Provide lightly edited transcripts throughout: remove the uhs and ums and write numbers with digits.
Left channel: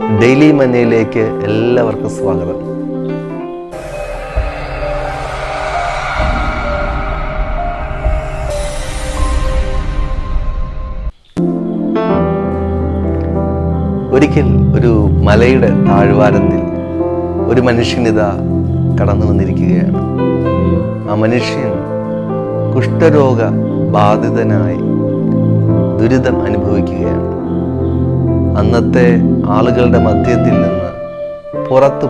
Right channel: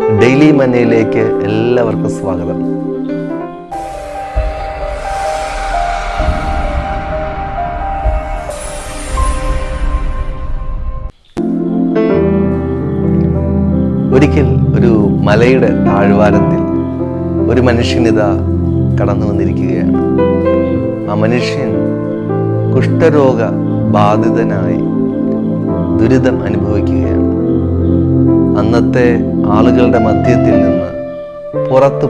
Daily മന്നയിലേക്ക് എല്ലാവർക്കും സ്വാഗതം. ഒരിക്കൽ ഒരു മലയുടെ താഴ്വാരത്തിൽ ഒരു മനുഷ്യനിതാ കടന്നു വന്നിരിക്കുകയാണ്. ആ മനുഷ്യൻ കുഷ്ഠരോഗ ബാധിതനായി ദുരിതം അനുഭവിക്കുകയാണ്. അന്നത്തെ ആളുകളുടെ മധ്യത്തിൽ നിന്ന് പുറത്തു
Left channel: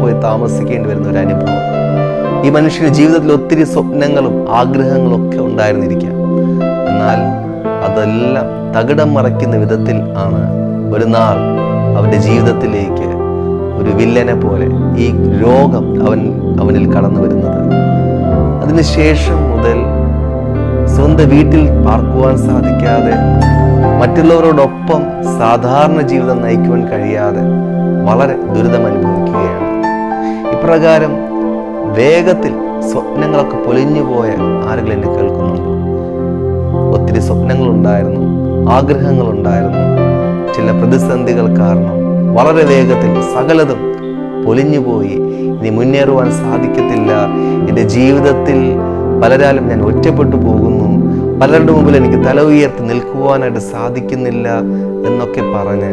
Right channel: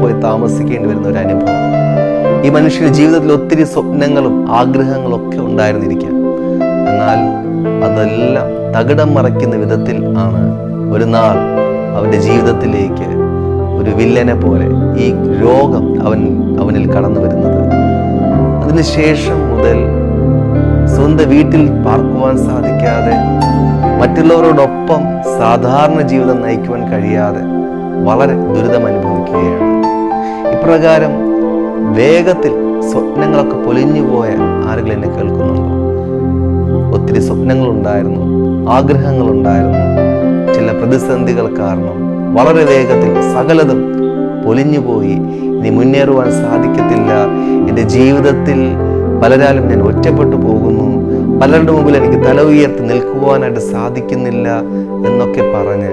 പോയി താമസിക്കേണ്ടി വരുന്ന ഒരു അനുഭവം. ഈ മനുഷ്യന്റെ ജീവിതത്തിൽ ഒത്തിരി സ്വപ്നങ്ങളും ആഗ്രഹങ്ങളും ഒക്കെ ഉണ്ടായിരുന്നിരിക്കാം. എന്നാൽ അതെല്ലാം തകിടം മറയ്ക്കുന്ന വിധത്തിൽ ആണ് ഒരു നാൾ അവൻ്റെ ജീവിതത്തിലേക്ക് ഒരു വില്ലനെ പോലെ ഈ രോഗം അവനിൽ കടന്നു വരുന്നത്. അതിനുശേഷം മുതൽ സ്വന്തം വീട്ടിൽ പാർക്കുവാൻ സാധിക്കാതെ, മറ്റുള്ളവരോടൊപ്പം സാധാരണ ജീവിതം നയിക്കുവാൻ കഴിയാതെ വളരെ ദുരിതം അനുഭവിക്കുകയാണ്. ഇപ്രകാരം വേഗത്തിൽ സ്വപ്നങ്ങളൊക്കെ പൊലിഞ്ഞുപോയ ആരെങ്കിലും എന്നെ കേൾക്കുന്നുണ്ടോ? ഒത്തിരി സ്വപ്നങ്ങളുണ്ടായിരുന്നു, ആഗ്രഹങ്ങളുണ്ടായിരുന്നു. ചില പ്രതിസന്ധികൾ കാരണം വളരെ വേഗത്തിൽ സകലതും പൊലിഞ്ഞുപോയി. ഇനി മുന്നേറുവാൻ സാധിക്കത്തില്ല, എൻ്റെ ജീവിതത്തിൽ പലരാലും ഞാൻ ഒറ്റപ്പെട്ടു പോകുന്നു, പലരുടെ മുമ്പിൽ എനിക്ക് തല ഉയർത്തി നിൽക്കുവാനായിട്ട് സാധിക്കുന്നില്ല എന്നൊക്കെ പറഞ്ഞ്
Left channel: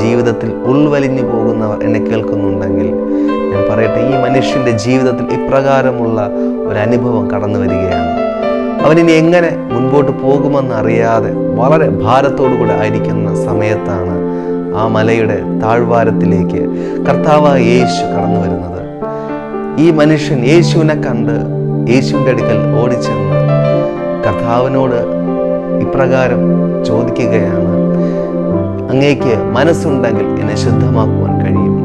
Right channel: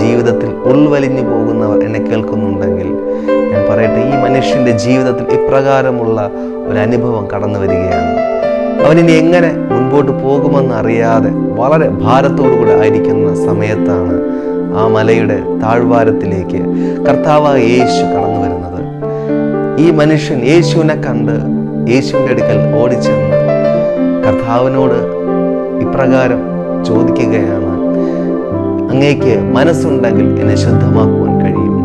ജീവിതത്തിൽ ഉൾവലിഞ്ഞു പോകുന്നവർ എന്നെ കേൾക്കുന്നുണ്ടെങ്കിൽ ഞാൻ പറയട്ടെ, ഈ മനുഷ്യൻ്റെ ജീവിതത്തിൽ ഇപ്രകാരമുള്ള ഒരു അനുഭവം കടന്നു വരികയാണ്. അവനിനി എങ്ങനെ മുൻപോട്ട് പോകുമെന്ന് അറിയാതെ വളരെ ഭാരത്തോടു കൂടെ ആയിരിക്കുന്ന സമയത്താണ് ആ മലയുടെ താഴ്വാരത്തിലേക്ക് കർത്താവായ യേശു കടന്നു വരുന്നത്. ഈ മനുഷ്യൻ യേശുവിനെ കണ്ട് യേശുവിൻ്റെ അടുക്കൽ ഓടിച്ചെന്ന് കർത്താവിനോട് ഇപ്രകാരം ചോദിക്കുകയാണ്, അങ്ങേക്ക് മനസ്സുണ്ടെങ്കിൽ എന്നെ ശുദ്ധമാക്കുവാൻ കഴിയും.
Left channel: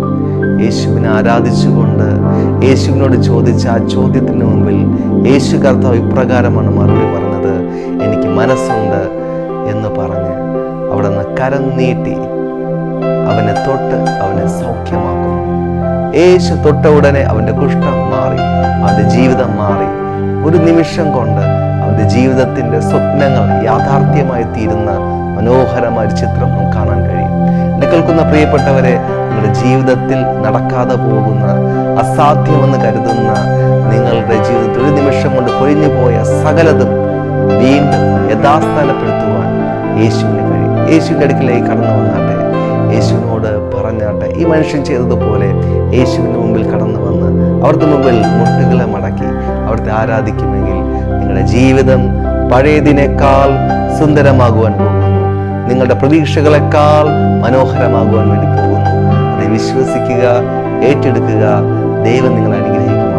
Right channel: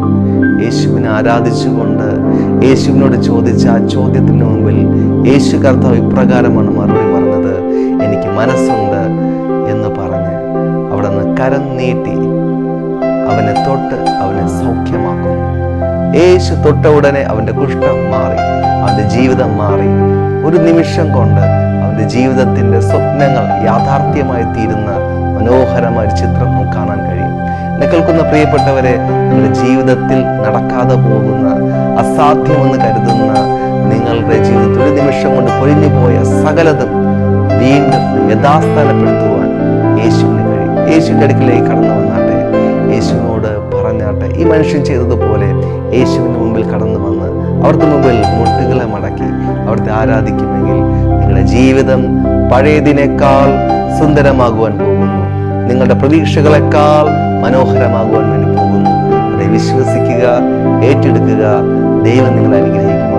യേശുവിനെ ആരാധിച്ചുകൊണ്ട് യേശുവിനോട് ചോദിച്ച ആ ചോദ്യത്തിന് മുമ്പിൽ യേശു കർത്താവ് ഇപ്രകാരമാണ് മറുപടി പറഞ്ഞത്, എനിക്ക് മനസ്സുണ്ട് എന്ന് പറഞ്ഞ് അവിടെ നിന്ന് കരം നീട്ടി അവനെ തൊട്ട് അവനെ സൗഖ്യമാക്കുന്നു. യേശു തൊട്ട ഉടനെ അവൻ്റെ കുഷ്ഠം മാറി, അവൻ്റെ ജീവിതം മാറി. ഒരു നിമിഷം കൊണ്ട് അവൻ്റെ ജീവിതത്തിൻ്റെ സ്വപ്നങ്ങൾ യാഥാർത്ഥ്യമായി തീരുന്ന മനോഹരമായ ചിത്രം നമുക്ക് കാണാൻ കഴിയും. എന്നെ കേൾക്കുന്ന പ്രിയപ്പെട്ടവരെ, നിങ്ങളുടെ ജീവിതത്തിൽ നടക്കാതെ പോകുന്ന, അസാധ്യമെന്ന് കരുതുന്ന നിങ്ങളുടെ ജീവിതത്തിൽ ഒരു നിമിഷം കൊണ്ട് പൊഴിഞ്ഞു പോയ സകലതും വീണ്ടും യഥാസ്ഥാനപ്പെടുത്തുവാൻ യേശുവിന് കഴിയും. യേശുവിൻ്റെ അടുക്കിലേക്ക് കടന്നു വന്നാട്ടെ, യേശുവിനോട് പറഞ്ഞാട്ടെ. ഈ മനുഷ്യൻ ചെയ്തതുപോലെ യേശുവിൻ്റെ മുമ്പിൽ കടന്നു വന്ന് അവിടുത്തെ മുമ്പിൽ മുട്ടുകളെ മടക്കി അവിടുത്തെ ആരാധിക്കുമെങ്കിൽ നിങ്ങളുടെ ജീവിതം പഴയതിനേക്കാൾ സുന്ദരമാകുവാൻ പോകുന്നു, നിങ്ങളുടെ പ്രതീക്ഷകളെക്കാൾ മനോഹരമാകുവാൻ വേണ്ടി പോകുന്നു. அதை വിശ്വസിക്കുക, ഏറ്റെടുക്കുക. ദൈവം നിങ്ങളെ അനുഗ്രഹിക്കും.